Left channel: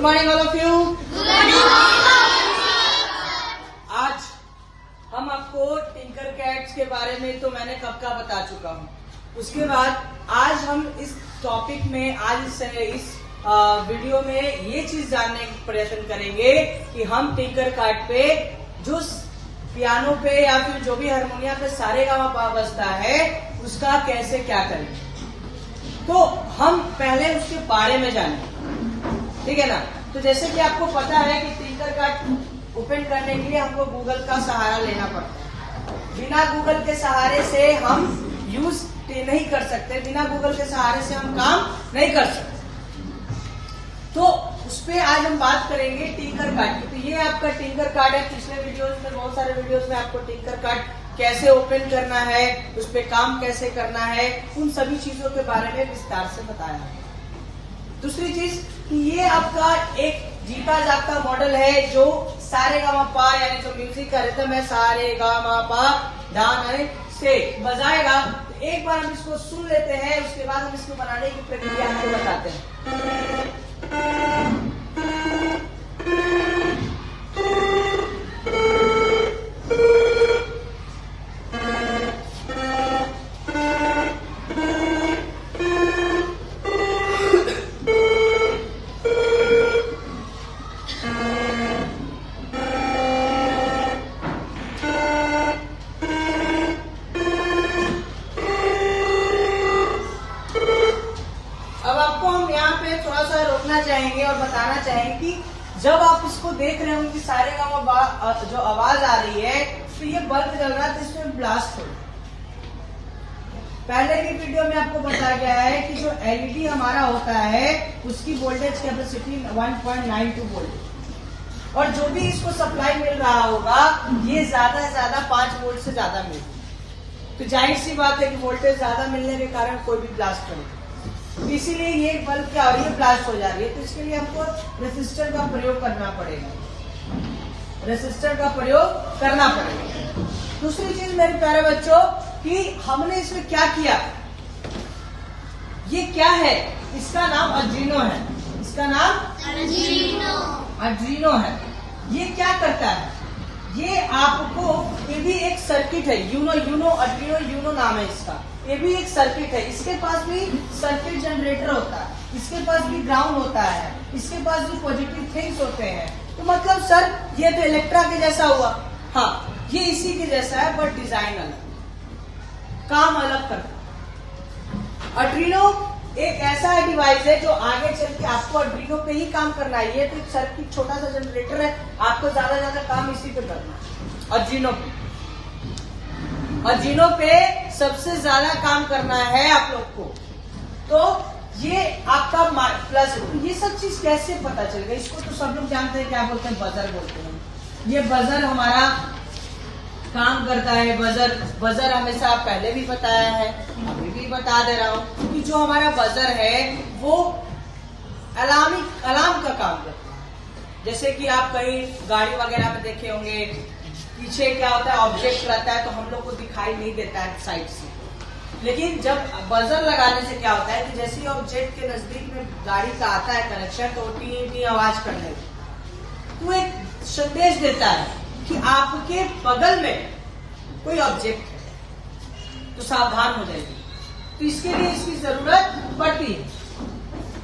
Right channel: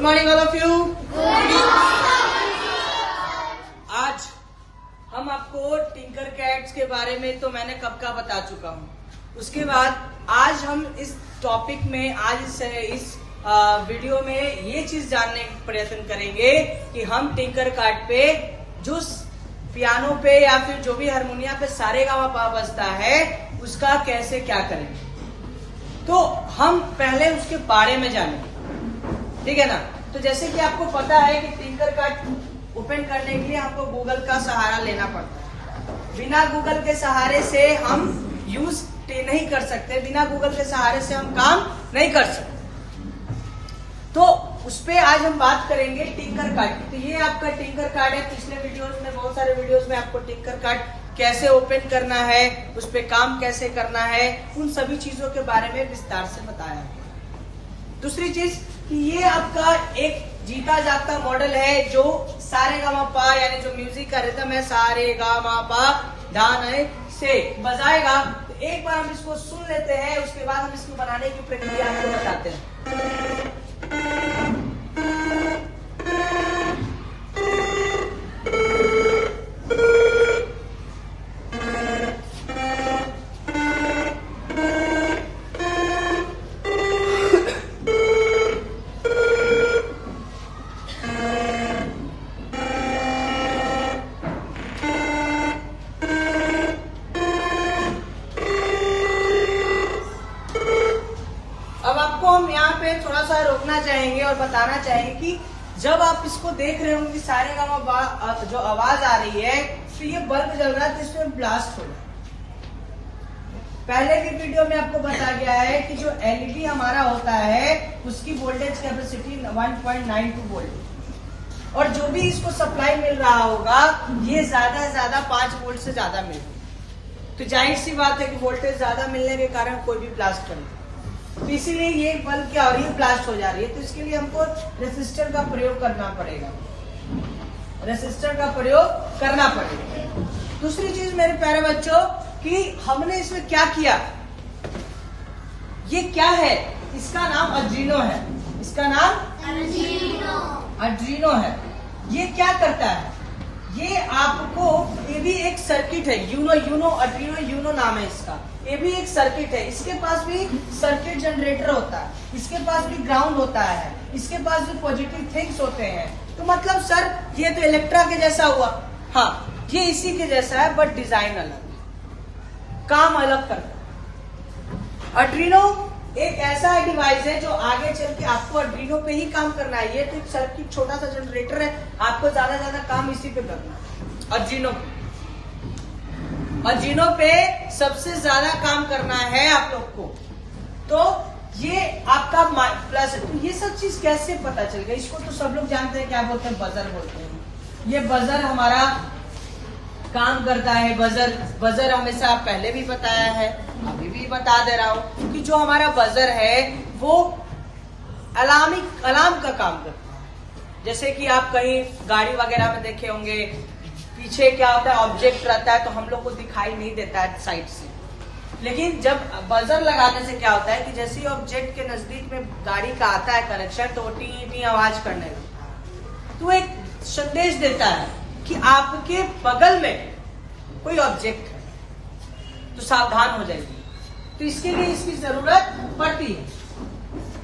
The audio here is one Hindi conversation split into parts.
Good morning all of you. आज हम आपको टिंकर कैट्स के बारे में तो मैंने कब का बता चुका हूँ। उसके बाद आज हम इस टॉपिक में आज इस वीडियो में ये चीज जानने का प्रयत्न करेंगे कि हम टिंकर कैट पे जो पियानो पे या फिर जो भी हारमोनियम पे सारेगामा बजता है उसका कैसे क्या करें। तो हम पहले उसके बारे में जानें, ठीक है ना। तो जैसे कि आपको पता है कि टिंकर कैट ओपन करने के लिए हमको गूगल का सहारा लेना पड़ता है। बिना गूगल के सहारे से हम यूज नहीं कर सकते, बिना गूगल के सहारे से हम काम नहीं कर सकते। तो उस पे आज हम बात करेंगे टिंकर कैट की। तो ये आपका टिंकर कैट है। पिछले वीडियोस में, बहुत सारे वीडियोस में आपको टिंकर कैट कैसे ओपन करना है, उस पे काम कैसे करना है, उन सभी चीजों के बारे में विस्तार से बताया है। दूसरी चीज कि ये आपका एक जीता जागता मॉडल है जो सारेगामापा यानी जो म्यूजिक का रिदम है सारेगामापा धान से बजाएगा। तो एक बार हम इसको सुन लेते हैं, उसके बाद हम इसको बनाने की प्रक्रिया आपको बताते हैं। अब आपको हम यहाँ पे थोड़ा सा रोकना चाहेंगे और बताना चाहेंगे कि जब आप इसको देख रहे होंगे कि सारेगामा जो आवाज आ रही है तो ये बल्ब जल रहा है, तो इसमें ब्लास्ट होगा। पहले की वीडियो में आपको बताया गया है कि जो एलईडी हमारा होता है उसकी वोल्टेज कैपेसिटी 1.92 वोल्ट, और जो भी इसको सप्लाई मिल रहा होगा ये ज्यादा से ज्यादा 5 वोल्ट से ज्यादा मिलेगी। तो जाहिर सी बात है कि वोल्टेज ज्यादा मिलने के कारण कोई भी ब्लास्ट करेगा। तो इसीलिए ये बल्ब क्या हो रही है, ब्लास्ट हो जा रही है। तो इसके लिए हमको रेसिस्टर का प्रयोग करना पड़ेगा, रेसिस्टर का प्रयोग करना पड़ेगा। दूसरी चीज मेरे प्यारे बच्चों कि हमने इसमें क्या किया, ये क्या है, इसका नाम आर्डिनो है। इसका नाम आर्डिनो है। ये क्या करता है, ये आपको, ये भी एक सर्किट है, यूनो आर्डिनो यूनो नाम है इसका। ये भी एक सर्किट है। इसके पास भी सर्किट जनरेटर होता है, इसके पास भी ग्राउंड होता है, इसके पास भी पॉजिटिव थिंग्स होते हैं। तो मतलब सर ये तो इलेक्ट्रा के जैसा हुआ। हाँ, ये इसी के जैसा है बट डिजाइन अलग, काम अलग करता है। आर्डिनो एक ऐसा डिवाइस है जो आगे चल के आपको आर्डिनो पे ही काम करना है। ये तो एक सर्किट छोटा सा जनरेटर है, आपको ज्यादा काम इसी पे करना है। आर्डिनो पे सबसे ज्यादा काम करना है आप लोग को। तो ये आपका प्लस, ये सब चीज कैसे पता चल गया, इसको तो सब लोग जानते हैं, क्या बोलते हैं, बजर बोलते हैं। ये बजर हमारा काम करता है। बजर हमेशा पहले भी बताया है, अभी भी बता दे रहा हूँ कि जो हमारा बजर है वो अलार्म का काम करता है। जैसे कि आप कहीं गाड़ी वगैरह में देखे होंगे, पीछे क्या होता है, ऑब्जेक्ट रहता है तो हम लोग को दिखाई नहीं देता है साइड से। लेकिन जब बजर लगाने से क्या होता है कि जैसे ही ऑब्जेक्ट के नजदीक में गाड़ी का आता है कनेक्शन तो टी टी आवाज करने लगता है। तो एक संदेश देता है कि आपके बगल में कोई ऑब्जेक्ट है, तो सावधान हो जाइए। तो इसके लिए इसकी जरूरत पड़ती है।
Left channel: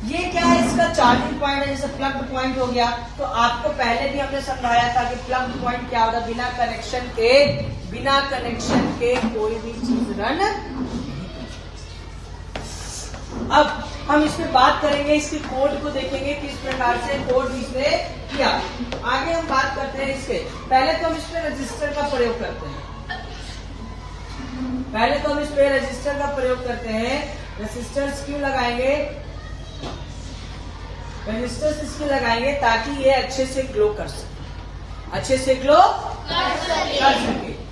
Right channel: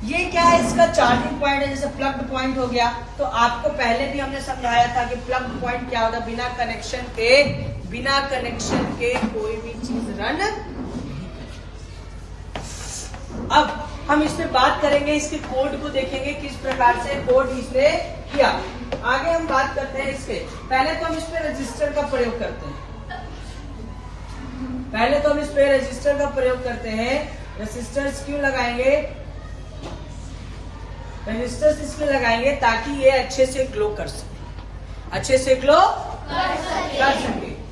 ये क्या है, इसका चार्जिंग पॉइंट है, जैसे प्लग पॉइंट हो गया। तो आपको पहले भी हमने समझाया था कि प्लग पॉइंट क्या होता है, बिना कनेक्शन के कोई भी चीज रन। अब हम इस पे बात करेंगे, इसके कोड को देखेंगे किस प्रकार से कोड इसने किया। आगे हम बात करते हैं इसके। पहले तो हम इस पे रजिस्टर का प्रयोग करते हैं। रेजिस्टर्स क्यों लगाएंगे, रजिस्टर्स इसमें लगाएंगे ताकि ये अच्छे से ग्लो कर सके,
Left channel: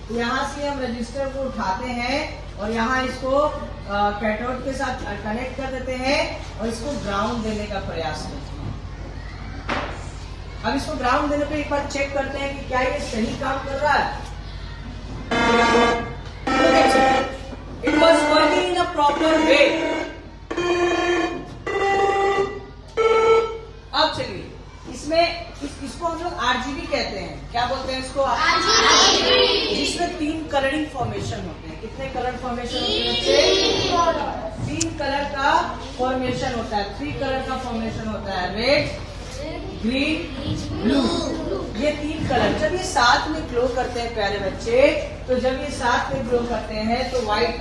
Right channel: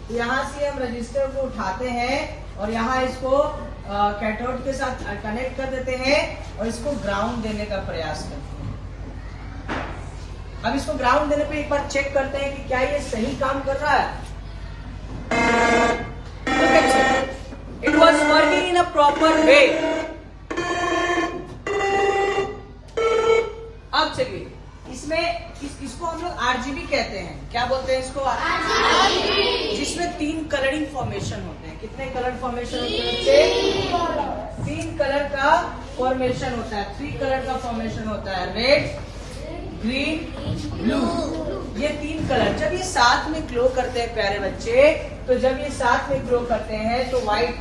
तो यहाँ से हम रजिस्टर को उठाते हैं और यहाँ इसको कैथोड के साथ कनेक्ट कर देते हैं और इसको ग्राउंड देने का प्रयास करते हैं। अब इसको ग्राउंड देने पे एक बार चेक करते हैं कि क्या ये सही काम कर रहा है। It was working in a proper way. अब चलिए कहते हैं। क्या बोलते हैं इसको? जिसमें 3 कलरिंग फॉर्मेशन होते हैं। कितने कलर फॉर्मेशन होते हैं? 3 कलर का फॉर्मेशन होता है। 3 कलर का फॉर्मेशन होता है, रेड, ग्रीन, ब्लू। ये 3 कलर जब ये साथ में ग्लो करते हैं प्यारे बच्चे, तो जब ये साथ में ग्लो करते हैं तो व्हाइट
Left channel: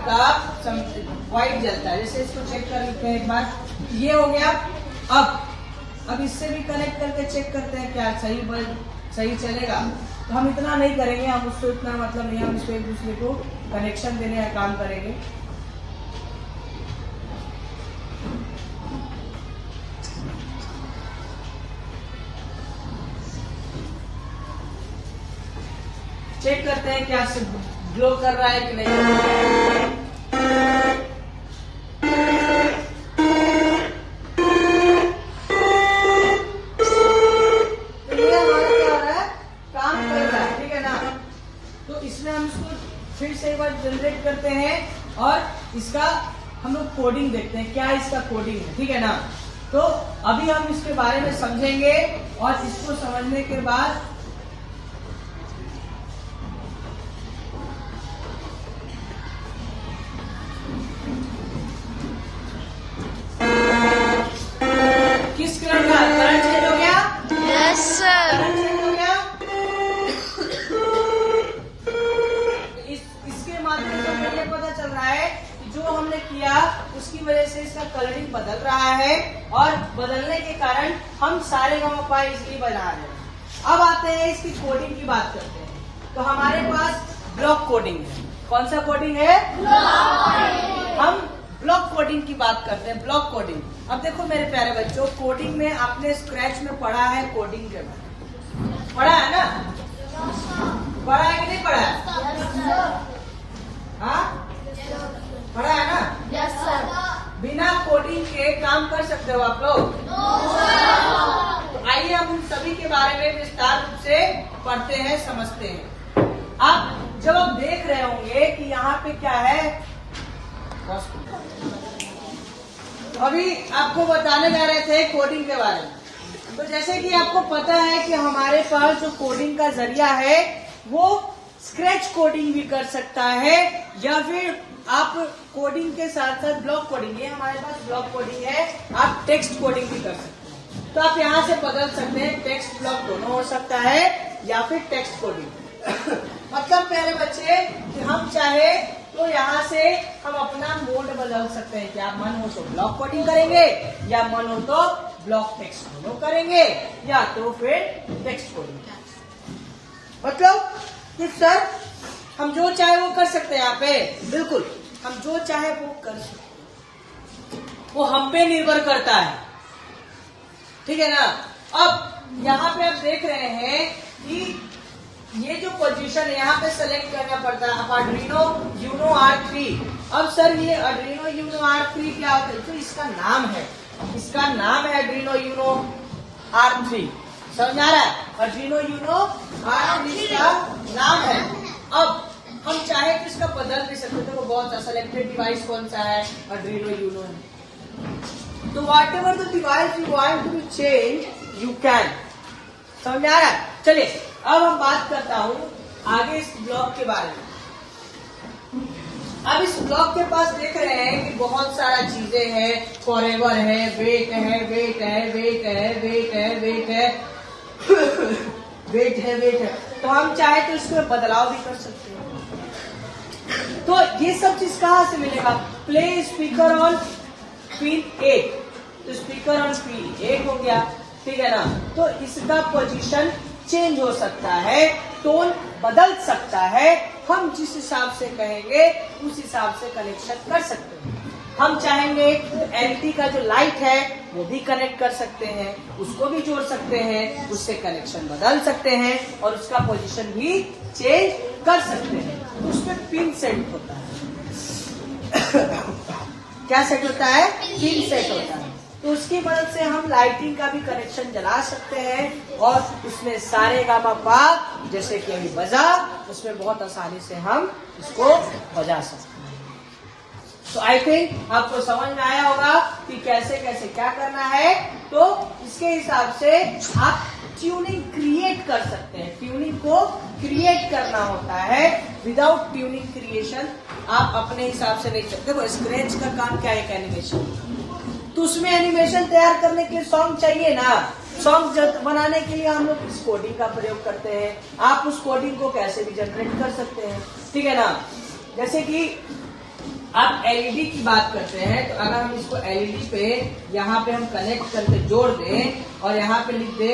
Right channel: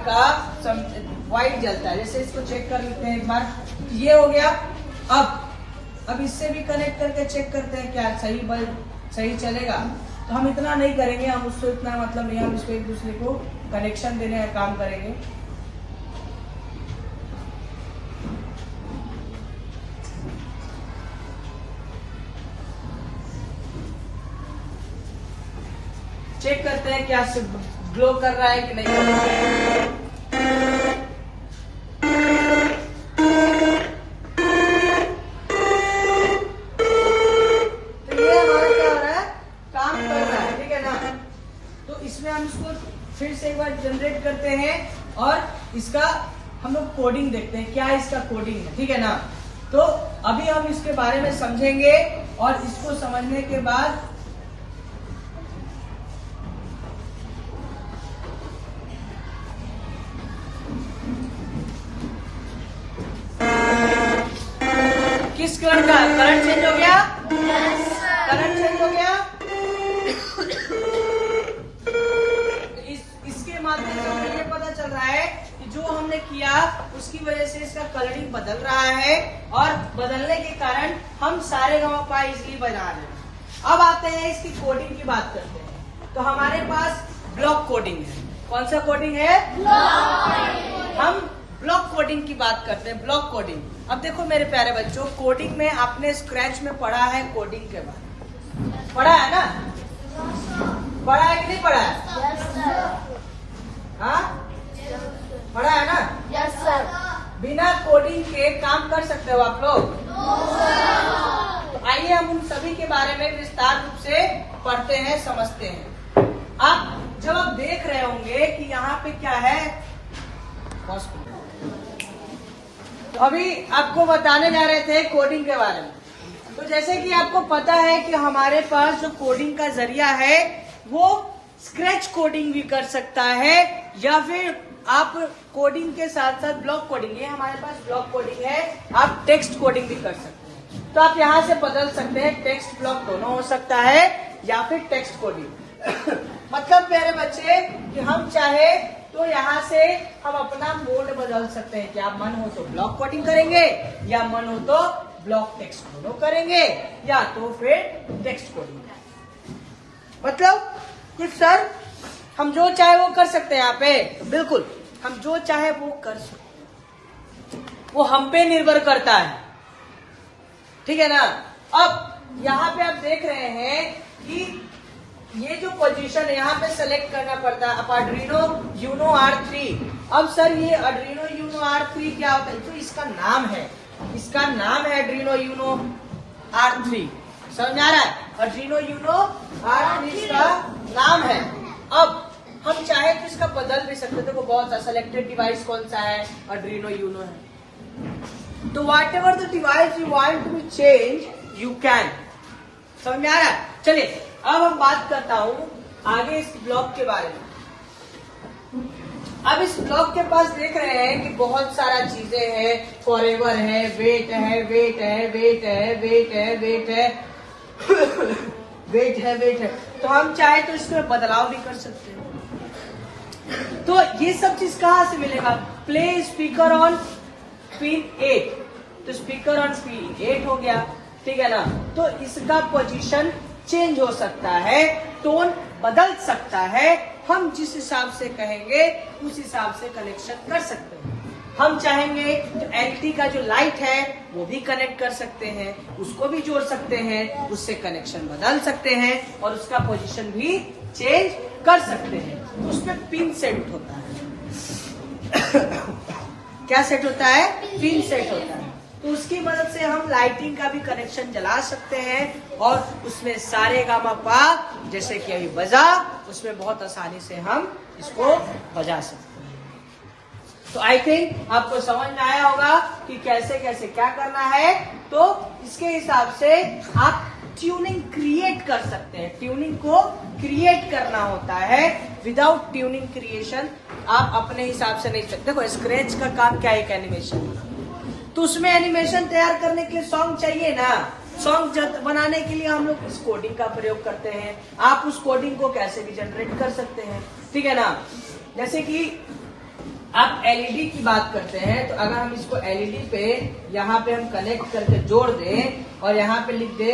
जलता है। जैसे इसको चेक कर लेते हैं एक बार, ये हो गया। अब इससे भी कनेक्ट करके चेक करते हैं क्या सही चलेगा। तो हम इतना नहीं करेंगे, हम उसको इतना मतलब नहीं, हम इसको एक दूसरे को कनेक्शन देने का काम करेंगे। चेक करते हैं क्या ग्लो कर रहा है कि नहीं कर रहा है। तो ये हमारा क्या हो रहा है? काम कर रहा है, ठीक है ना। तो इसमें हम इसको फिर से एक बार जनरेट करते हैं और इसका हम लोग कोडिंग देखते हैं, क्या इसका कोडिंग है, ठीक है ना। तो अभी हम इसके बारे में समझेंगे और इसको समझने के बाद किस करंट का करंट चेंज हो गया? Yes sir. करंट चेंज हो गया। इसके माध्यम से हमें ये पता चल रहा है कि जो हमने किया उसकी वजह से इसका कलरिंग बदल रहा है और बदलने के कारण हम सारे गामा इजली बना रहे हैं। अब आते हैं इसकी कोडिंग की बात करते हैं। तो हमारे पास ब्लॉक कोडिंग है। कौन सा कोडिंग है? हम ब्लॉक कोडिंग की बात करते हैं। ब्लॉक कोडिंग, अब देखो मेरे प्यारे बच्चों, कोडिंग में आपने स्क्रैच में पढ़ा है कोडिंग के बारे में, पढ़ा है ना? पढ़ा है कि नहीं पढ़ा है? हाँ, पढ़ा है ना? Yes sir. बिना कोडिंग के काम कर सकते हो आप लोग? तो आइए हम उन सभी के बारे में विस्तार रूप से पढ़ते हैं, समझते हैं। अब जब आप देख रहे होंगे कि यहाँ पे क्या है, तो अभी आपको बताने जा रहे थे कोडिंग के बारे में। तो जैसे कि आपको पता है कि हमारे पास जो कोडिंग का जरिया है वो स्क्रैच कोडिंग भी कर सकता है, या फिर आप कोडिंग के साथ साथ ब्लॉक कोडिंग, ये हमारे पास ब्लॉक कोडिंग है, आप टेक्स्ट कोडिंग भी कर सकते हैं। तो आप यहाँ से बदल सकते हैं, टेक्स्ट ब्लॉक दोनों हो सकता है या फिर टेक्स्ट कोडिंग। मतलब प्यारे बच्चे कि हम चाहे तो यहाँ से हम अपना मोड बदल सकते हैं कि आप मन हो तो ब्लॉक कोडिंग करेंगे, या मन हो तो ब्लॉक टेक्स्ट दोनों करेंगे, या तो फिर टेक्स्ट कोडिंग। मतलब कि सर हम जो चाहे वो कर सकते हैं यहाँ पे, बिल्कुल हम जो चाहे वो कर सकते हैं, वो हम पे निर्भर करता है, ठीक है ना। अब यहाँ पे आप देख रहे हैं कि ये जो पोजीशन है यहाँ पे सेलेक्ट करना पड़ता है। अब आर्डिनो यूनो R3, अब सर ये आर्डिनो यूनो R3 क्या होता है? तो इसका नाम है, इसका नाम है आर्डिनो यूनो R3, समझ आ रहा है? आर्डिनो यूनो R3 का नाम है। अब हम चाहे तो इसका बदल भी सकते हैं। तो बहुत सेलेक्टेड डिवाइस कौन सा है? आर्डिनो यूनो है। तो whatever the device you want to change you can, समझ आ रहा है? चलिए अब हम बात करता हूँ आगे इस ब्लॉक के बारे में। अब इस ब्लॉक के पास देख रहे हैं कि बहुत सारा चीजें हैं, फॉरएवर है, वेट है, वेट है, वेट है, वेट है, वेट है, वेट है, वेट है। तो हम चाहे तो इसमें बदलाव भी कर सकते हैं। तो ये सब चीज कहाँ से मिलेगा? प्ले स्पीकर ऑन पिन 8, तो स्पीकर ऑन पिन 8 हो गया, ठीक है ना। तो इसका पोजीशन चेंज हो सकता है, टोन बदल सकता है, हम जिस हिसाब से कहेंगे उस हिसाब से कनेक्शन कर सकते हैं। हम चाहेंगे तो एलटी का जो लाइट है वो भी कनेक्ट कर सकते हैं, उसको भी जोड़ सकते हैं, उससे कनेक्शन बदल सकते हैं और उसका पोजीशन भी चेंज कर सकते हैं। तो उसमें पिन सेट होता है। क्या सेट होता है? पिन सेट होता है। तो उसकी मदद से हम लाइटिंग का भी कनेक्शन जला सकते हैं और उसमें सारे गामा पा जैसे कि अभी बजा, उसमें बहुत आसानी से हम इसको बजा सकते हैं। तो आई थिंक आपको समझ में आया होगा कि कैसे कैसे क्या करना है। तो इसके हिसाब से आप ट्यूनिंग क्रिएट कर सकते हैं। ट्यूनिंग को क्रिएट करना होता है। विदाउट ट्यूनिंग क्रिएशन आप अपने हिसाब से नहीं सकते। देखो स्क्रैच का काम क्या है, एक एनिमेशन, तो उसमें एनिमेशन तैयार करने के लिए सॉन्ग चाहिए ना। सॉन्ग बनाने के लिए हम लोग इस कोडिंग का प्रयोग करते हैं। आप उस कोडिंग को कैसे भी जनरेट कर सकते हैं, ठीक है ना। जैसे कि आप एलईडी की बात करते हैं, तो अगर हम इसको एलईडी पे यहाँ पे हम कनेक्ट करके जोड़ दें और यहाँ पे लिख दे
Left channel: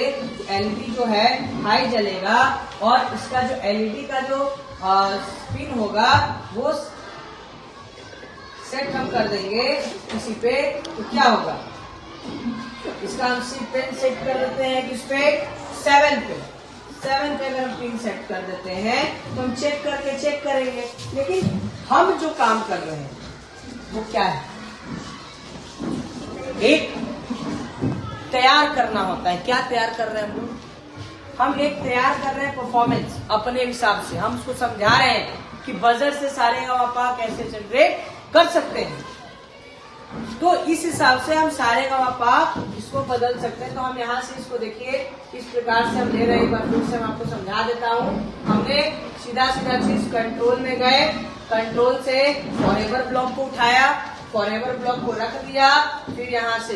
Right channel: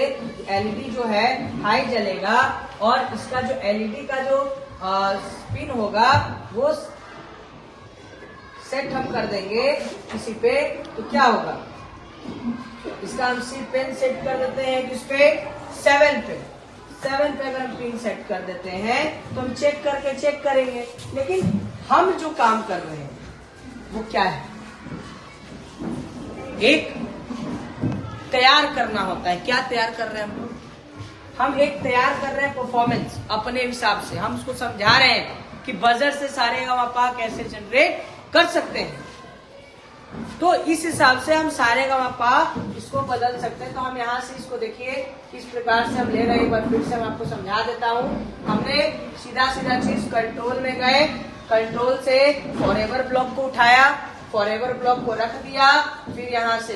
एलईडी जो है हाई जलेगा, और इसका जो एलईडी का जो स्पिन होगा वो सेट हम कर देंगे किसी पे, तो क्या होगा, इसका हम पेन सेट कर देते हैं किस पे, 7 पे। 7 पे अगर हम पिन सेट कर देते हैं तो हम चेक करेंगे। लेकिन हम जो काम कर रहे हैं वो क्या है, एक तैयार करना होता है। क्या तैयार कर रहे हैं हम लोग, हम एक तैयार कर रहे हैं परफॉर्मेंस अपने हिसाब से। हम उसको समझा रहे हैं कि बजर से सारे गामा कैसे जनरेट कर सकते हैं। तो इस हिसाब से हम सारे गामा इसको बदल सकते हैं। तो हम यहाँ से इसको देखिए किस प्रकार से हम ले रहे हैं, एक बार फिर से मैं आपको समझा देता हूँ। हमने सीधा चीज कंट्रोल में गए, कंट्रोल से फॉरएवर ब्लॉक को उठाया, फॉरएवर ब्लॉक को रख दिया, फिर यहाँ से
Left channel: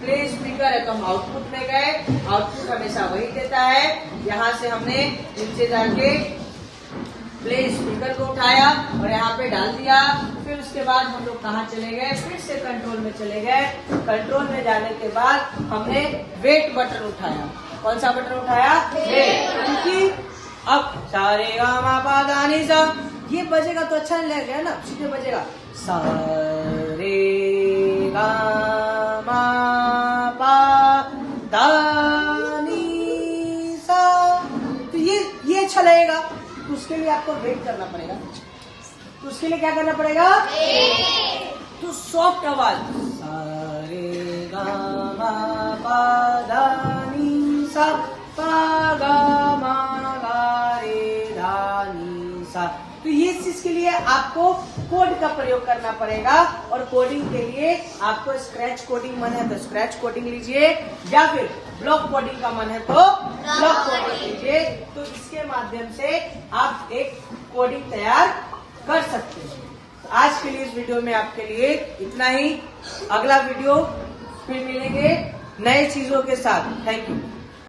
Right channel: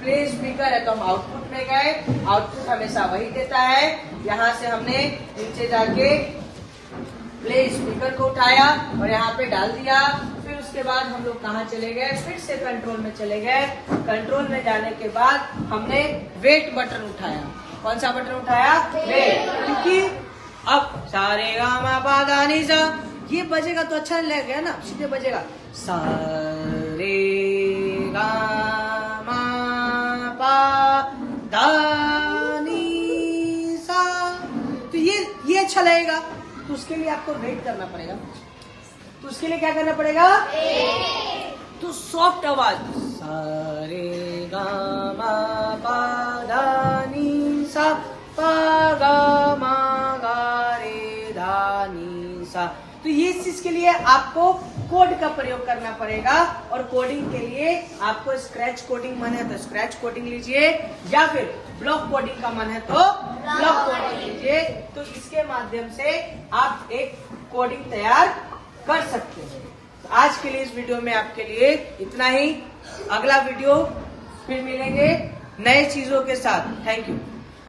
प्ले स्पीकर है तो हम आउटपुट में गए, आउटपुट हमेशा वही देता है। यहाँ से हमने नीचे जाके प्ले स्पीकर को उठाया और यहाँ पे डाल दिया। फिर उसके बाद हम लोग कहाँ चले गए, फिर से कंट्रोल में चले गए। कंट्रोल में जाने के बाद हमने वेट बटन उठाया। कौन सा बटन उठाया, वेट, क्योंकि अब सारे गामा पा धा नी सा ये बजेगा तो अच्छा लगेगा ना, सीधे बजेगा सारे गामा पा धा नी सा, तो ये अच्छा लगेगा। तो उसके लिए आपको वेट करना पड़ेगा। तो उसके लिए क्या करना पड़ेगा, तो सॉफ्ट आवाज सारे गामा पा धा नी सा पा गा मा गा रे धा नी सा। तो ये चीज के लिए आपको कोड का प्रयोग करना पड़ेगा। और कोडिंग के लिए आपको स्क्रैच कोडिंग मन है तो स्क्रैच कोडिंग लीजिए, या फिर ब्लॉक कोडिंग का मन है तो ब्लॉक कोडिंग लीजिए। तो इसके माध्यम से आप एक कोडिंग तैयार कर सकते हैं। तो आज के लिए इस वीडियो में आपके लिए इतना ही। अगला वीडियो फिर मिलेंगे नए चीजों के साथ। Thank you.